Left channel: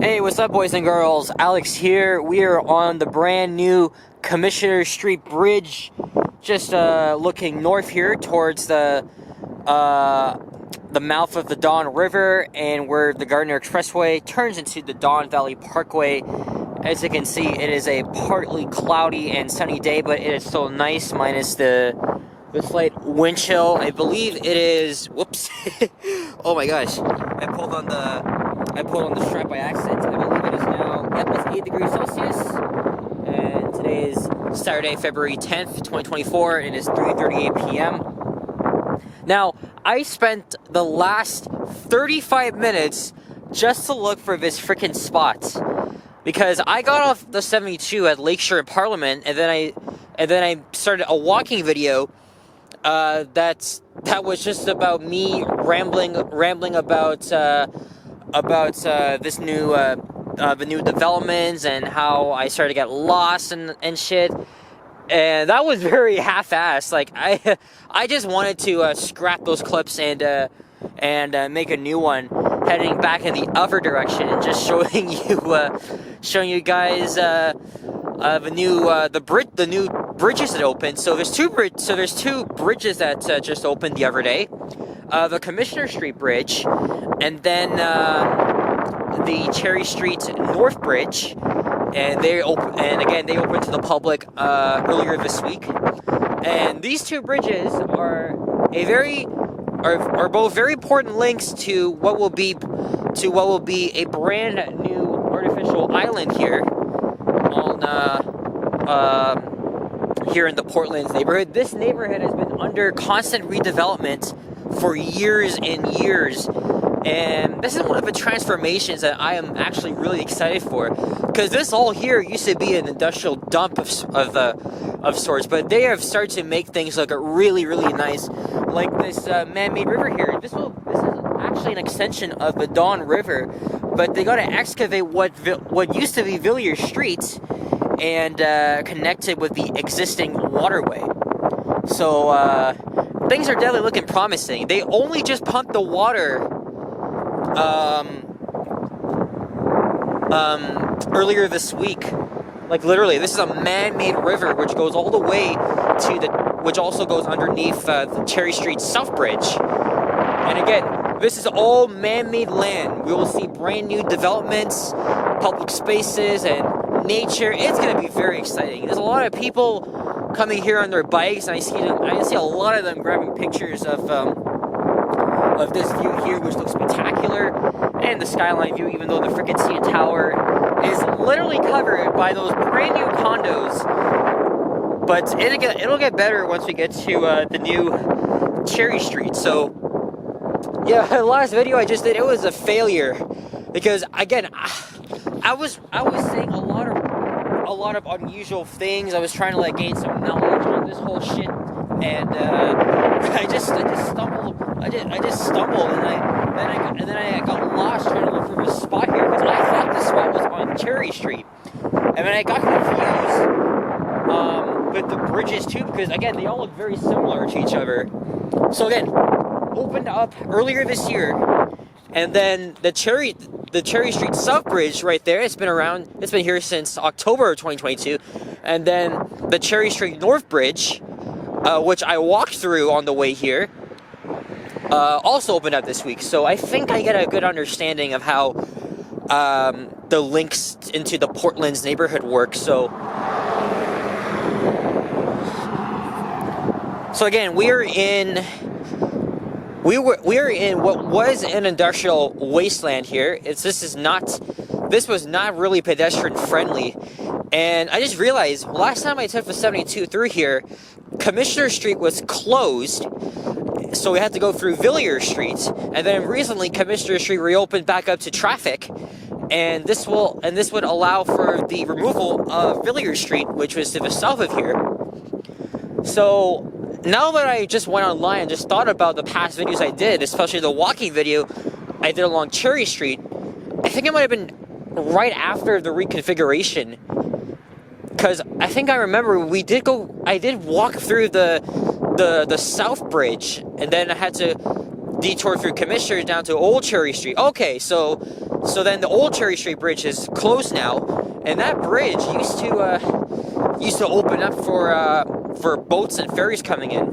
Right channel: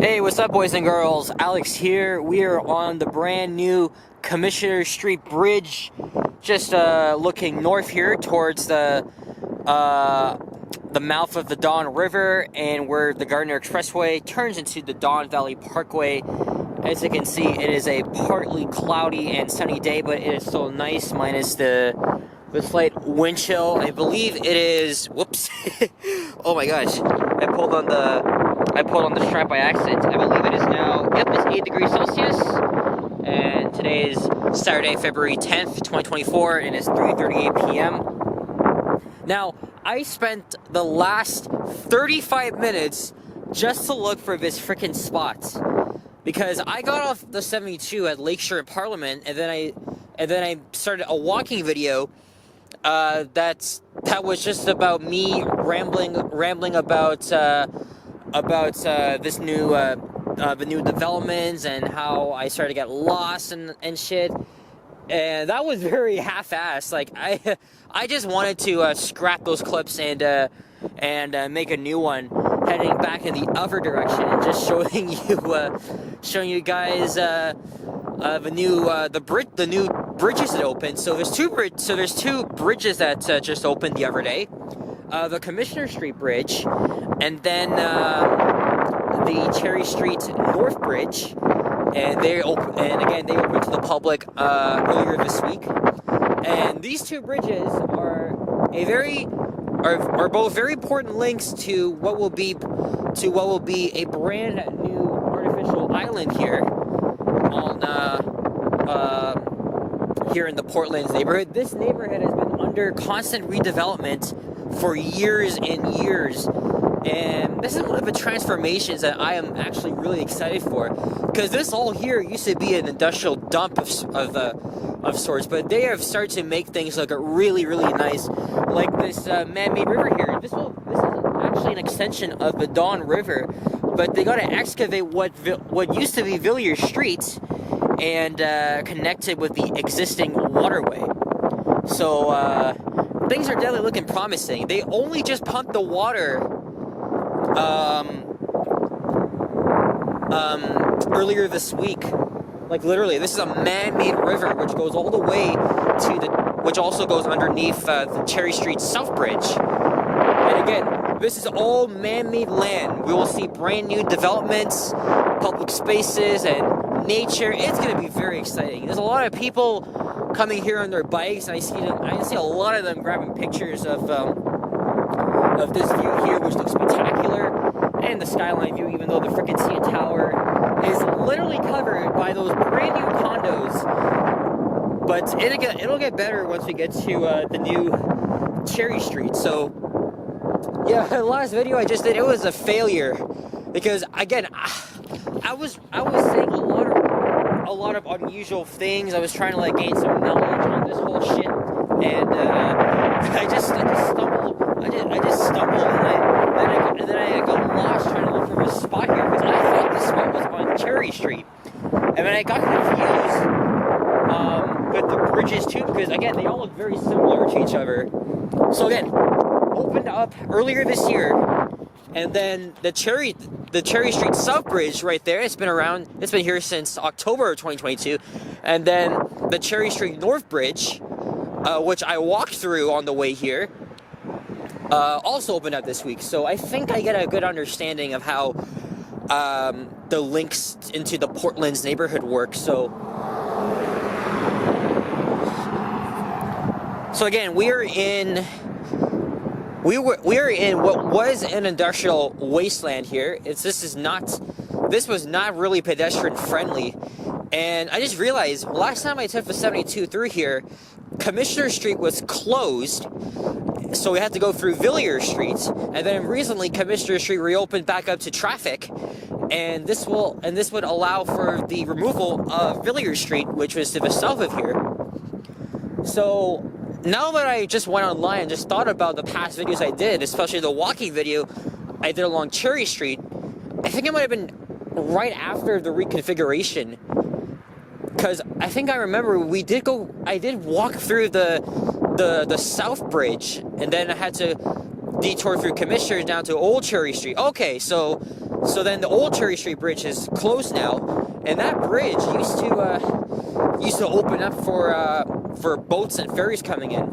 Hey, what's up, boys and girls? Alex here. We are on the brand new Commissioner Street Bridge, just looking north here towards the mouth of the Don River, and where the Gardner Expressway turns into the Don Valley Parkway. As you can see, it is a partly cloudy and sunny day, but it is still nice, minus the slight wind chill. I believe it is. Whoops! Oh my gosh! I pulled on the strap by accident. I believe it is now. Yep, it's 8 degrees Celsius, and today is Saturday, February 10th, 2024, and it's 3:38 p.m. Now, I spent the last 35 minutes just to look for this freaking spot, because I got off the 72 at Lakeshore and Parliament, and then I started a walking video that was just about me rambling about this new the new developments and how I started to get lost and shit. And that was very half-assed. Like I just wanted to scrap those clips and make a new one heading back in the other direction, and just showing you guys the new bridges that opened. So there's two bridges that just opened the other day. The Commissioner Street Bridge, and then the Cherry Street North Bridge, and they opened to the public earlier this week. And these two bridges are both very important links to what will be a brand new artificial island here here in the Portland's neighborhood. This neighborhood has been under constant redevelopment for years and years, and this is one of the transformations that I am actually really excited for, because this all here used to be an industrial dump of sorts, but they have started to make things look really, really nice, like this man-made river here. This is actually an extension of the Don River, but they got to excavate what used to be Villiers Street and connect it with the existing waterway. So things are definitely looking promising. They only just pumped the water earlier this week. Like, literally, this is a man-made river which goes all the way which also goes underneath the Cherry Street South Bridge. And again, this is all man-made land. We will see brand new developments, public spaces, and nature. It's going to be very exciting. There's a lot of people coming here on their bikes, and I see a lot of them grabbing pictures of this view here, which looks spectacular, and the skyline view, even though the frickin' CN Tower is literally covered by those brand new condos. But it'll get better once we get to the new Cherry Street. So yeah, the last video I just did, it was a failure, because again, I was saying a lot of unusual things. I was trying to gain some knowledge on this whole shit, and I just stumbled, and then I got lost trying to look for this spot here, because I thought this spot was on Cherry Street, and then I got confused with the bridges too, because again, they all look very similar to each other. So again, opened up earlier this year, and then the Cherry Street South Bridge right there, it's been here since October of 2022. And then the Cherry Street North Bridge, which I walked through on the way here, also opened up this week. So I think I get a good understanding of how the links into the Portland's neighborhood work. So again, we are in what was an industrial wasteland here. This was not really pedestrian friendly, and I just realized last time I took the 72 through here, Commissioner Street was closed, so we had to go through Villiers Street, and then recently Commissioner Street reopened back up to traffic, and this would allow for the removal of Villiers Street, which was to the south of here. So now that I just went online and just thought about the past videos I did, especially the walking video I did along Cherry Street, I think it might have been right after the reconfiguration, because I think I remember I did walk through the South Bridge, and then I had to detour through Commissioner down to Old Cherry Street. Okay, so So then the old Cherry Street Bridge is closed now, and that bridge used to open up for boats and ferries coming in.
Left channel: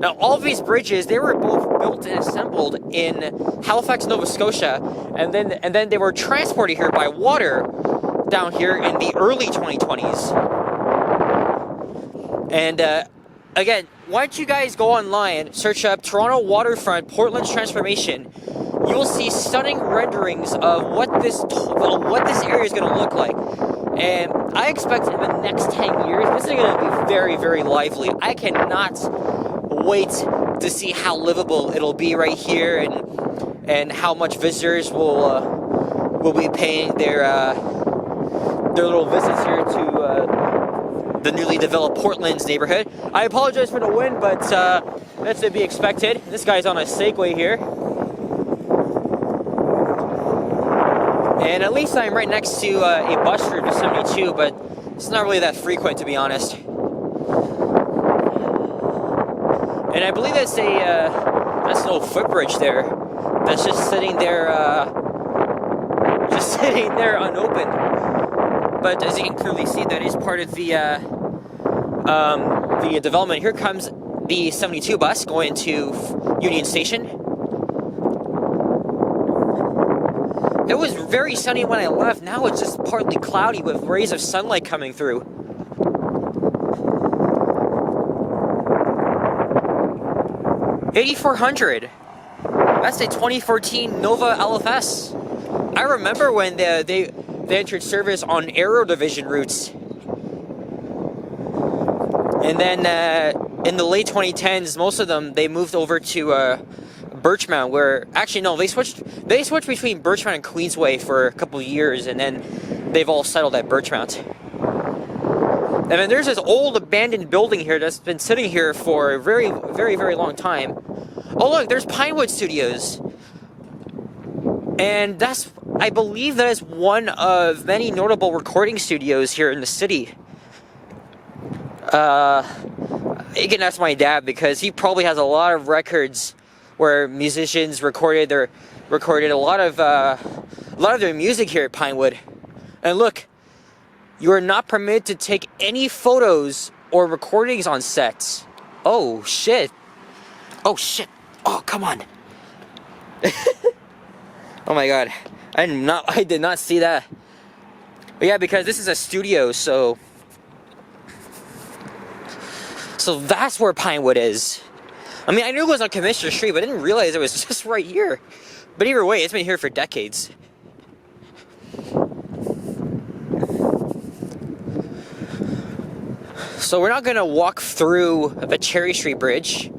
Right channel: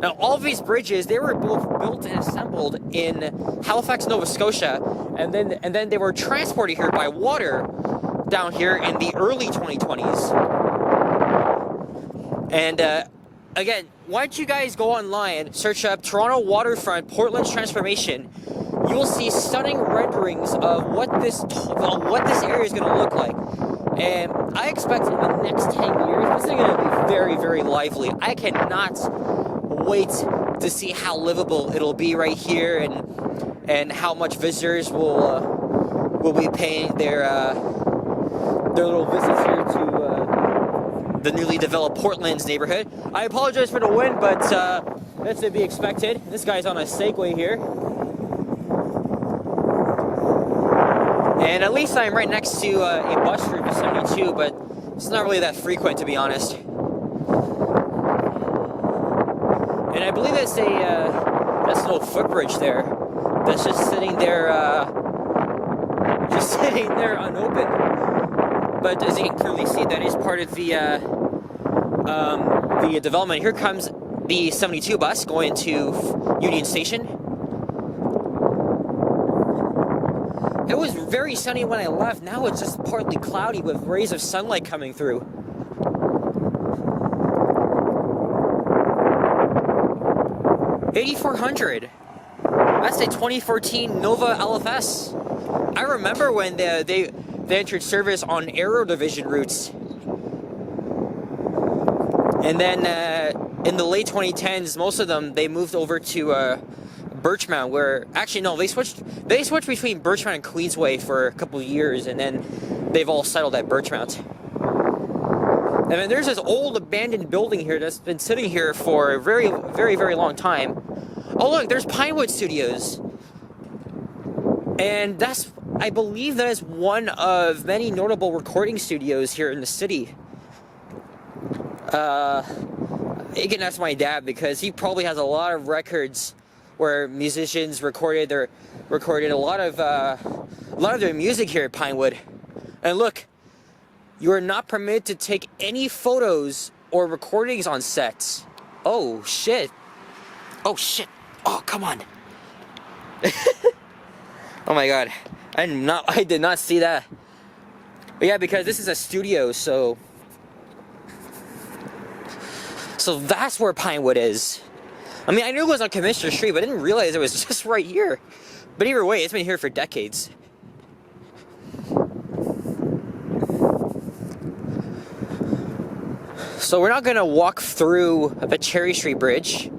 Now, all of these bridges, they were both built and assembled in Halifax, Nova Scotia, and then they were transported here by water down here in the early 2020s. And again, why don't you guys go online, search up Toronto Waterfront Portland's Transformation. You will see stunning renderings of what this area is going to look like. And I expect in the next 10 years, this is going to be very, very lively. I cannot wait to see how livable it'll be right here, and how much visitors will be paying their little visits here to the newly developed Portland's neighborhood. I apologize for the wind, but that's to be expected. This guy's on a Segway here. And at least I'm right next to a bus route to 72, but it's not really that frequent, to be honest. And I believe that's an old footbridge there. That's just sitting there unopened. But as you can clearly see, that is part of the development. Here comes the 72 bus going to Union Station. It was very sunny when I left. Now it's just partly cloudy with rays of sunlight coming through. $8,400. That's a 2014 Nova LFS. I remember when they entered service on Aero Division routes. And then in the late 2010s, most of them, they moved over to Birchmount, where actually no, they switched between Birchmount and Queensway for a couple of years, and then they've all settled at Birchmount. And then there's this old abandoned building here that's been sitting here for a very, very, very long time. Oh look, there's Pinewood Studios, and I believe that is one of many notable recording studios here in the city. You can ask my dad, because he probably has a lot of records where musicians recorded a lot of their music here at Pinewood. And look, you are not permitted to take any photos or recordings on sets. Oh shit! Oh shit! Oh come on! Oh my god! I did not see that. But yeah, because this is a studio, so that's where Pinewood is. I mean, I knew it was on Commissioner Street, but I didn't realize it was just right here. But either way, it's been here for decades. So we're not going to walk through the Cherry Street Bridge.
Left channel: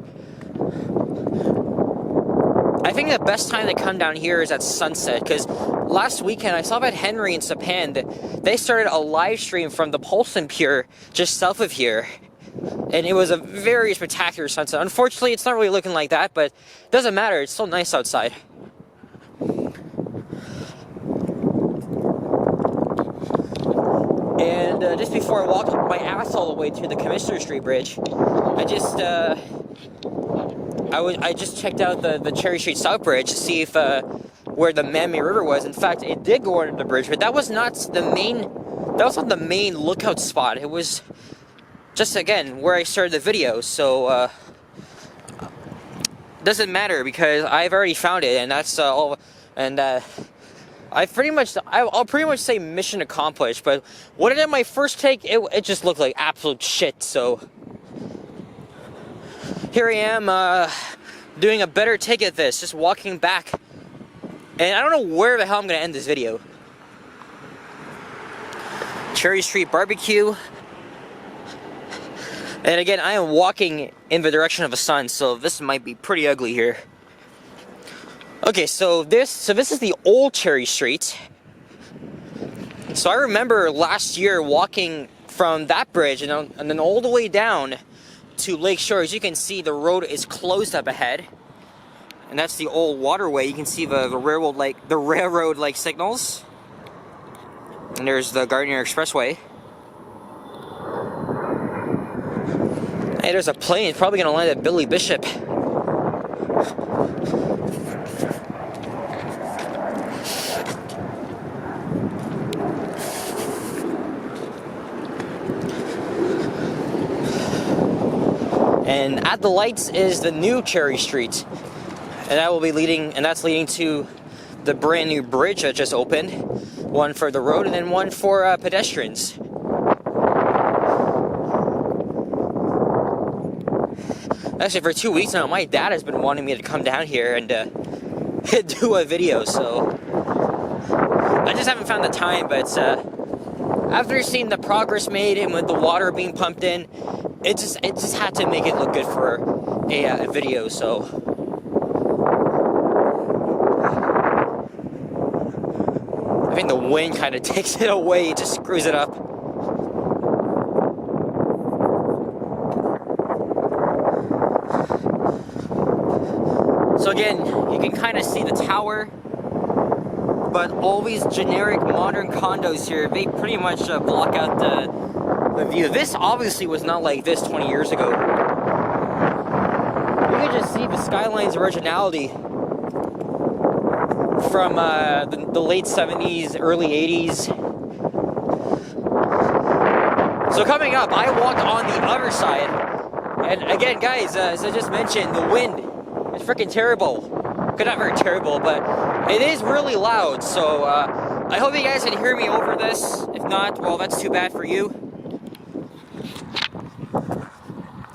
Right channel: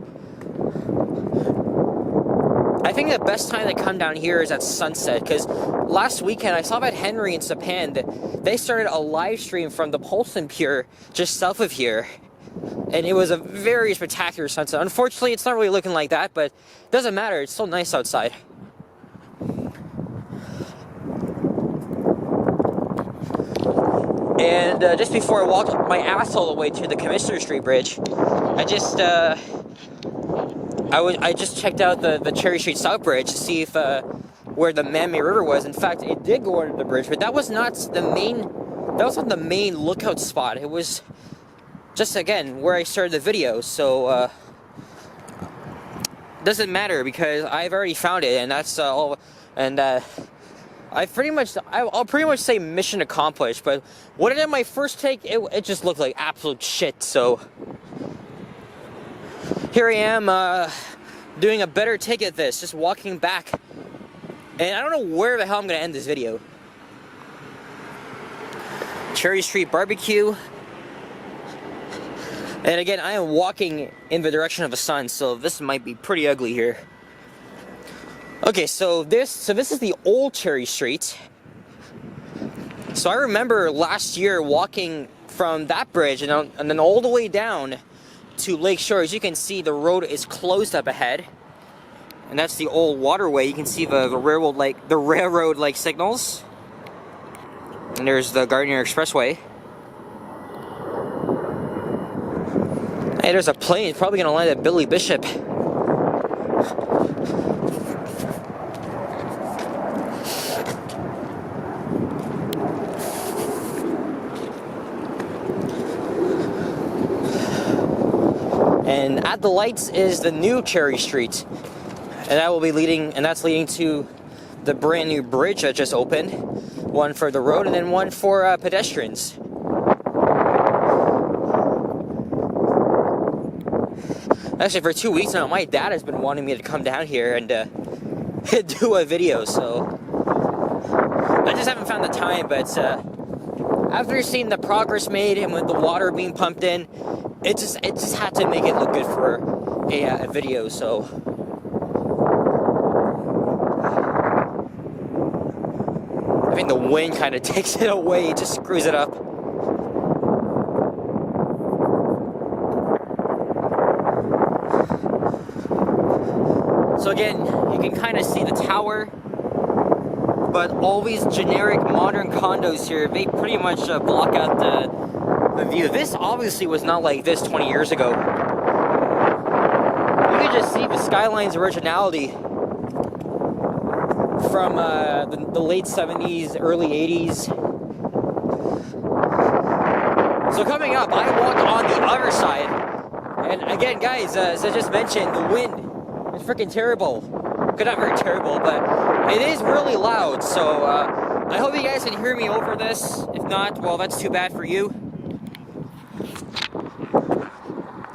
I think the best time to come down here is at sunset, because last weekend I saw that Henry and Sapan, they started a live stream from the Polson Pier just south of here. And it was a very spectacular sunset. Unfortunately, it's not really looking like that, but it doesn't matter. It's still nice outside. And just before I walked my ass all the way to the Commissioner Street Bridge, I just checked out the Cherry Street South Bridge to see if where the Man-Made River was. In fact, it did go under the bridge, but that was not the main lookout spot. It was just, again, where I started the video, so doesn't matter, because I've already found it, and that's all. And I'll pretty much say mission accomplished. But what I did my first take, it just looked like absolute shit. So here I am doing a better take at this, just walking back, and I don't know where the hell I'm gonna end this video. Cherry Street Barbecue. And again, I am walking in the direction of the sun, so this might be pretty ugly here. Okay, so this is the old Cherry Street. So I remember last year walking from that bridge and then all the way down to Lake Shore. As you can see, the road is closed up ahead, and that's the old waterway. You can see the railroad-like signals, and there's the Gardiner Expressway. Hey, there's a plane. It's probably gonna land at Billy Bishop. And at the lights is the new Cherry Street. And that will be leading, and that's leading to the brand new bridge that just opened. One for the road and then one for pedestrians. Actually, for 2 weeks now, my dad has been wanting me to come down here and do a video, so I just haven't found the time. But after seeing the progress made and with the water being pumped in, it just had to make it look good for a video. So I think the wind kind of takes it away, it just screws it up. So again, you can kind of see the tower, but all these generic modern condos here, they pretty much block out the view. This obviously was not like this 20 years ago. You can just see the skyline's originality from the late 70s, early 80s. So coming up, I walked on the other side. And again, guys, as I just mentioned, the wind is freaking terrible. Okay, not very terrible, but it is really loud. So I hope you guys can hear me over this. If not, well, that's too bad for you.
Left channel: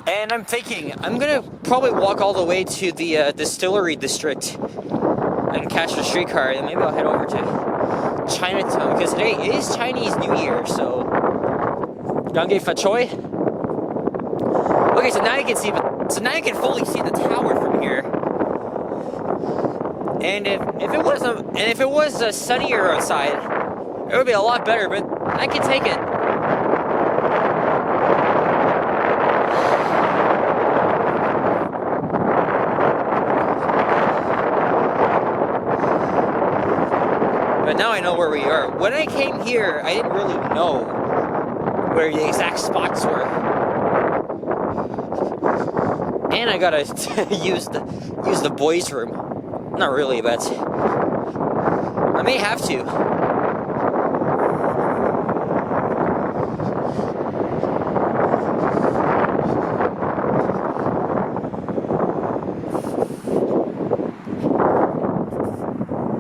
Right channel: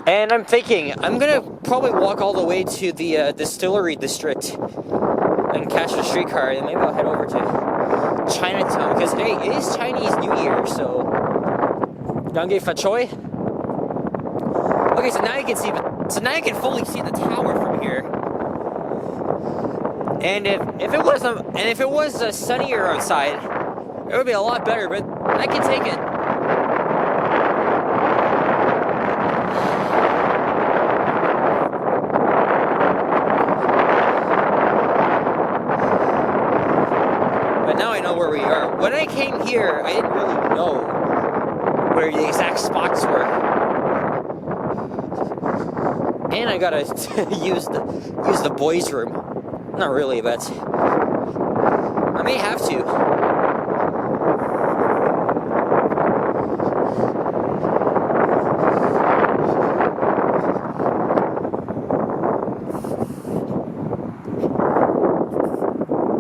And I'm thinking, I'm gonna probably walk all the way to the distillery district and catch the streetcar, and maybe I'll head over to Chinatown, because today is Chinese New Year, so Gange Fa Choi. Okay, so now you can see, so now you can fully see the tower from here. And if it was sunnier outside, it would be a lot better, but I can take it. But now I know where we are. When I came here, I didn't really know where the exact spots were. And I gotta use the boys' room. Not really, but I may have to.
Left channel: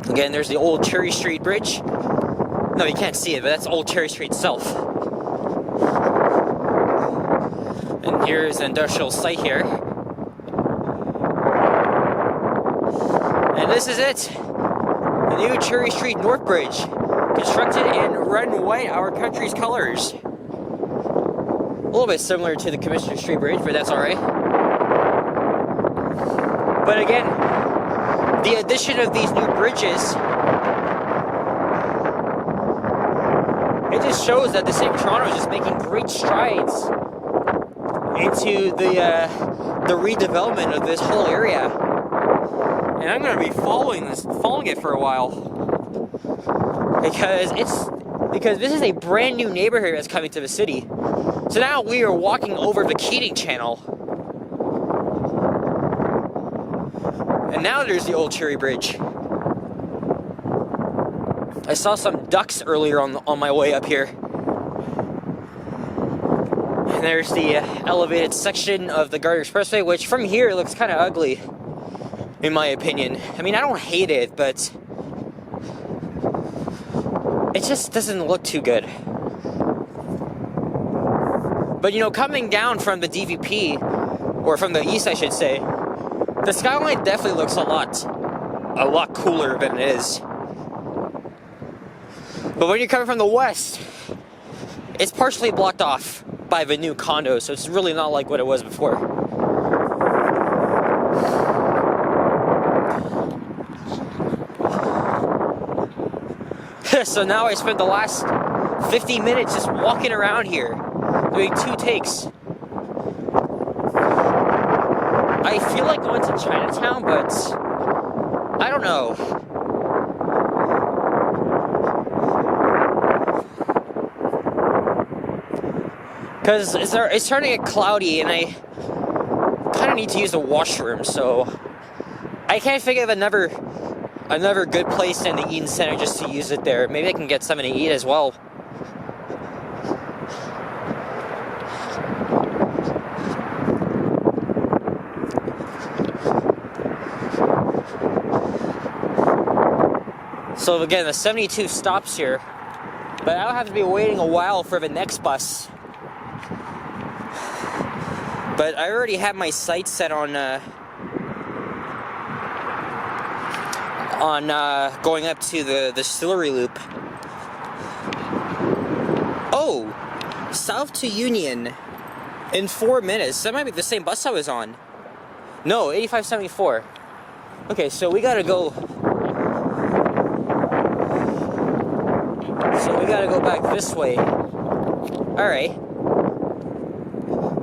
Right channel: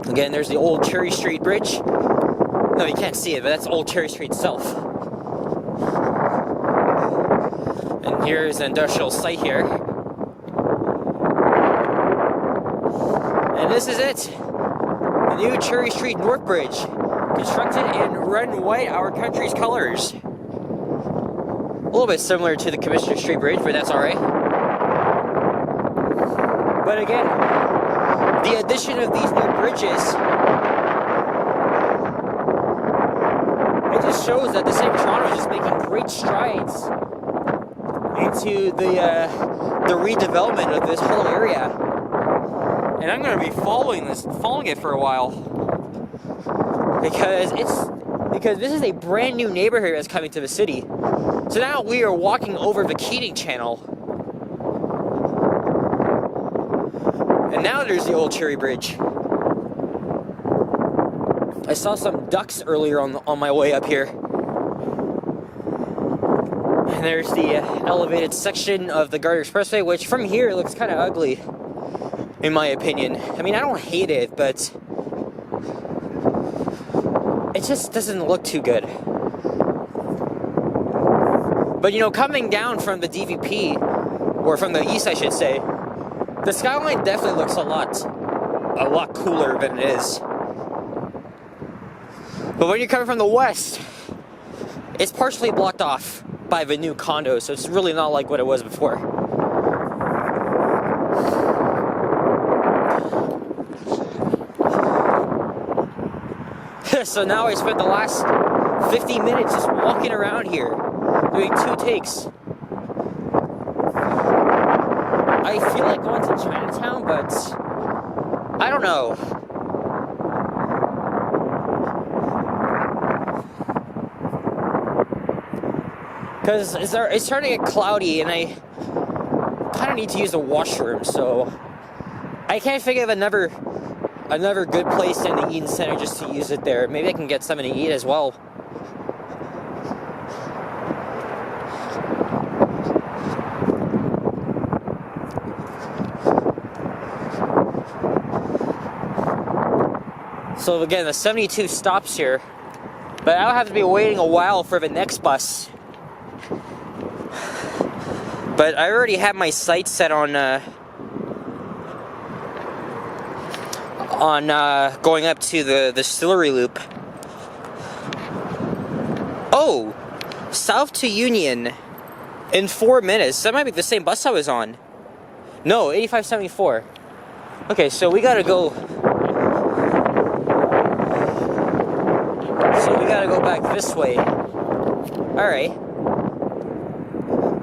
Again, there's the old Cherry Street Bridge. No, you can't see it, but that's old Cherry Street itself. And here's an industrial site here. And this is it. The new Cherry Street North Bridge. Constructed in red and white, our country's colors. A little bit similar to the Commissioner Street Bridge, but that's alright. But again, the addition of these new bridges, it just shows that the city of Toronto is just making great strides into the redevelopment of this whole area. And I'm going to be following it for a while, because this is a brand new neighborhood that's coming to the city. So now we are walking over the Keating Channel. And now there's the old Cherry Bridge. I saw some ducks earlier on my way up here. And there's the elevated section of the Gardner Expressway, which from here looks kind of ugly, in my opinion. I mean, I don't hate it, but it just doesn't look too good. But you know, coming down from the DVP, or from the east I should say, the skyline definitely looks a lot cooler than it is. But when you're coming from the west, it's partially blocked off by the new condo, so it's really not like what it was before. So now I spent the last 50 minutes just walking around here, doing 2 takes. I feel like going to Chinatown, but I don't know. Because it's starting to get cloudy, and I kind of need to use the washroom, so I can't think of another good place in the Eden Center just to use it there. Maybe I can get something to eat as well. So again, the 72 stops here, but I'll have to be waiting a while for the next bus. But I already have my sights set on going up to the distillery loop. Oh, south to Union in 4 minutes. That might be the same bus I was on. No, 8574. Okay, so we gotta go. So we gotta go back this way. All right.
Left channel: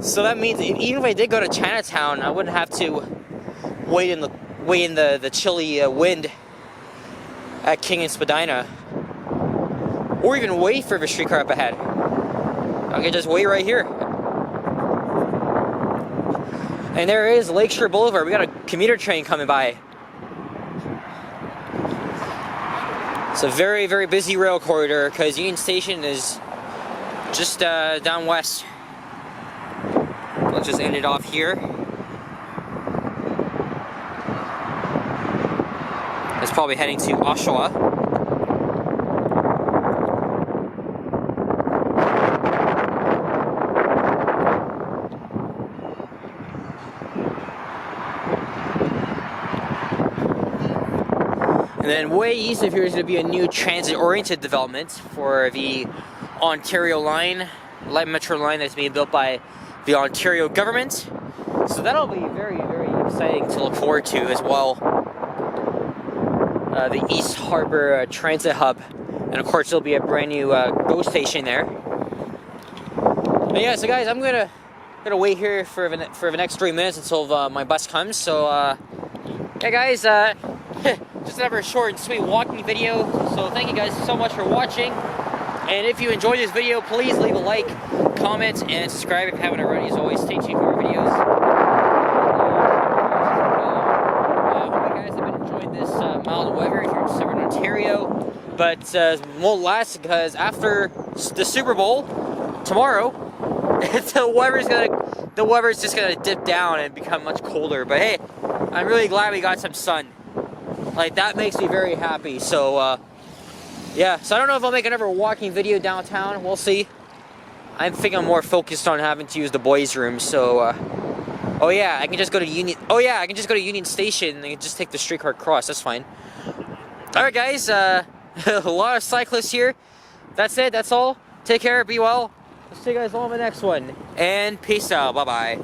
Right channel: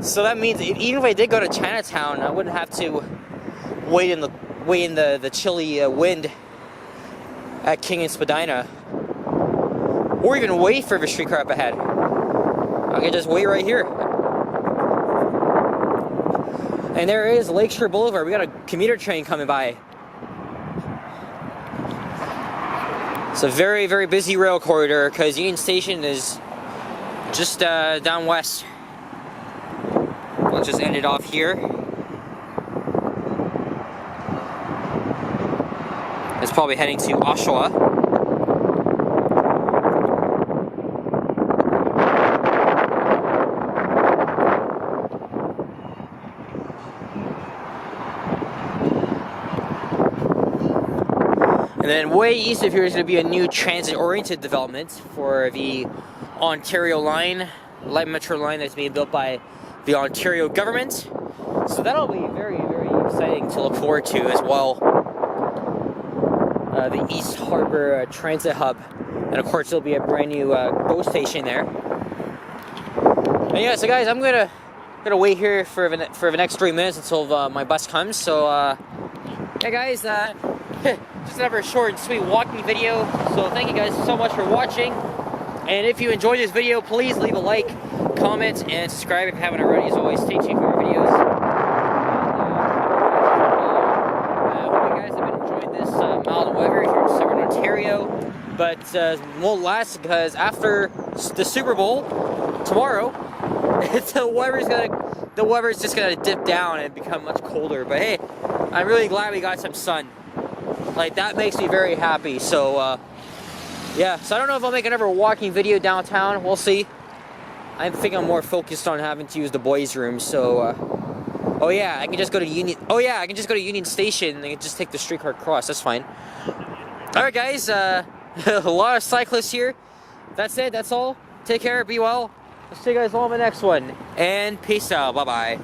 So that means even if I did go to Chinatown, I wouldn't have to wait in the chilly wind at King and Spadina, or even wait for the streetcar up ahead. I can just wait right here. And there is Lakeshore Boulevard. We got a commuter train coming by. It's a very, very busy rail corridor because Union Station is just down west. Let's just end it off here. It's probably heading to Oshawa. And then way east of here is going to be a new transit-oriented development for the Ontario line, light metro line that's being built by the Ontario government. So that'll be very, very exciting to look forward to as well. The East Harbor Transit Hub. And of course there'll be a brand new GO station there. And yeah, so guys, I'm gonna wait here for the next 3 minutes until my bus comes. So yeah guys, just another short and sweet walking video. So thank you guys so much for watching. And if you enjoyed this video, please leave a like, comment, and subscribe if you haven't already. As always, stay tuned for more videos. And I hope you guys have been enjoying this mild weather here in Southern Ontario. But won't last because after the Super Bowl tomorrow, the weather's just gonna dip down and become much colder. But hey, I'm really glad we got some sun. Like, that makes me very happy. So yeah, so I don't know if I'll make another walking video downtown. We'll see. I think I'm more focused on having to use the boys' room. So oh yeah, I can just go to Union. Oh yeah, I can just go to Union Station and just take the streetcar across. That's fine. All right, guys. A lot of cyclists here. That's it. That's all. Take care. Be well. I'll see you guys all in the next one. And peace out. Bye bye.